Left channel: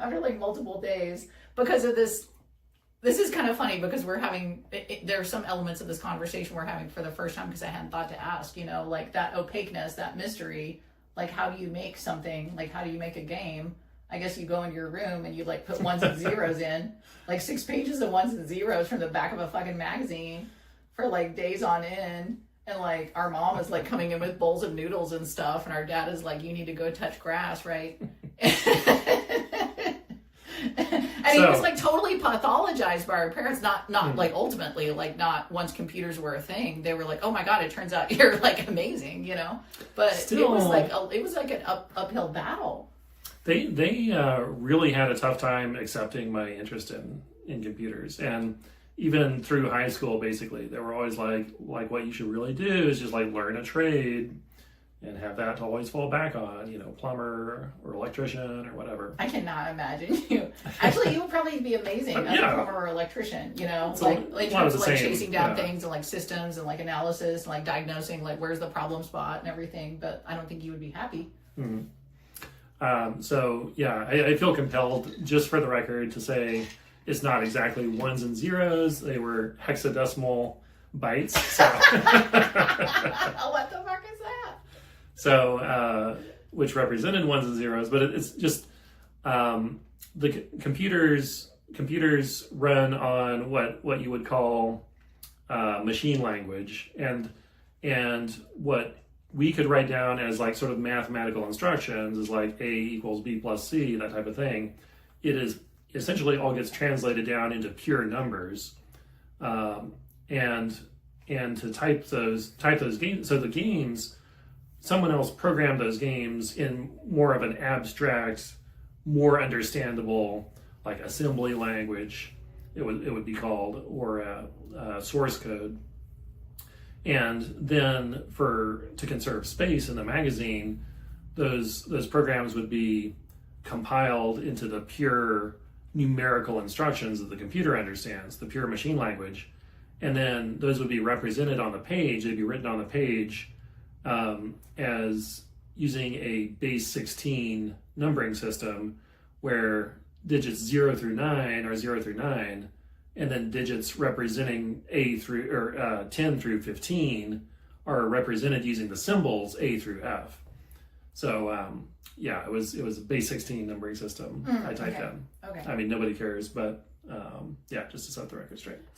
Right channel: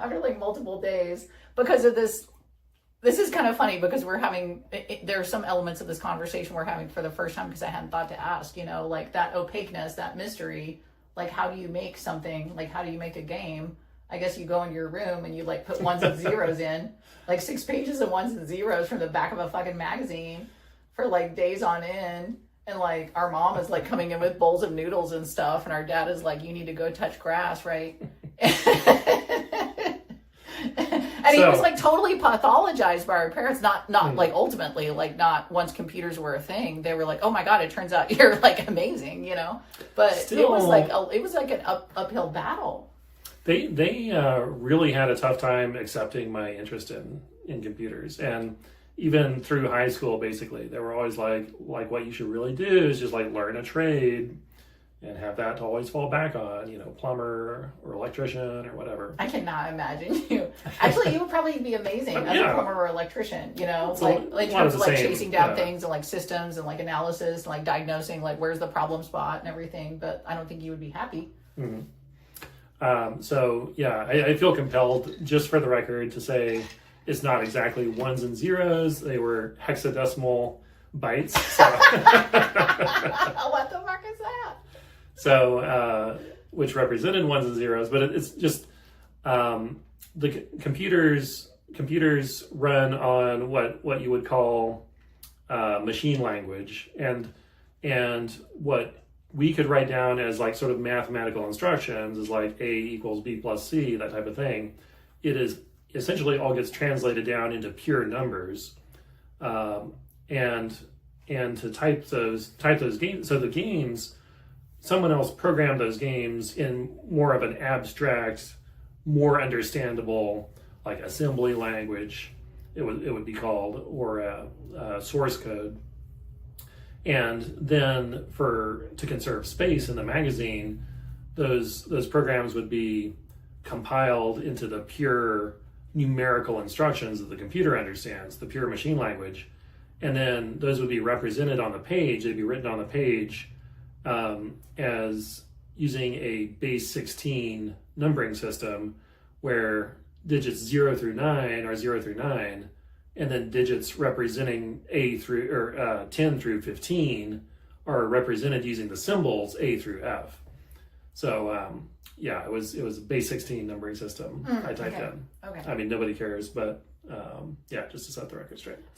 after like multiple days because of this. This is kind of funny because we're having, there are some elements of this conversation we're having for the first time because I hadn't thought to ask, you know, like that opaqueness, that mystery, like how do you make something, like how do you make a game? I guess you go into your room and you like put ones and zeros in, like 6 pages of ones and zeros from the back of a fucking magazine for like days on end. And like our mom is like coming in with bowls of noodles and stuff. And our dad is like, you need to go touch grass, right? And it was like totally pathologized by our parents, not like ultimately, like not once computers were a thing, they were like, oh my God, it turns out you're like amazing, you know? But still, it was like an uphill battle. They really had a tough time accepting my interest in computers. And even through high school, basically, they were always like what you should really do is just like learn a trade and have that to always fall back on, you know, plumber or electrician or whatever. I cannot imagine you. Actually, you would probably be amazing as a plumber or electrician, you know, it's like in terms of like chasing down things and like systems and like analysis and like diagnosing like where's the problem spot and everything. But I don't think you would be happy. Mm-hmm. So yeah, I feel compelled, just for the record, to say it's not exactly ones and zeros. They were hexadecimal bytes. So. What the fuck is that? So, which represented ones and zeros, but it's just the computers run on what you would call machine language, and what we could write down as like sort of mathematical instructions is like A equals B plus C, that type of thing. It is essentially all gets translated down into pure numbers, and to type those games. So the games, someone else programmed those games in more of an abstract, more understandable, like assembly language, it would be called, or a source code. And then to conserve space in the magazine, those programs would be compiled into the pure numerical instructions that the computer understands, the pure machine language. And then those would be represented on the page. They'd be written on the page as using a base 16 numbering system, where digits 0 through 9 are 0 through 9, and then digits representing 10 through 15 are represented using the symbols A through F. So yeah, it was a base 16 numbering system I typed in. Okay. I mean, nobody cares, but yeah, just to set the record straight.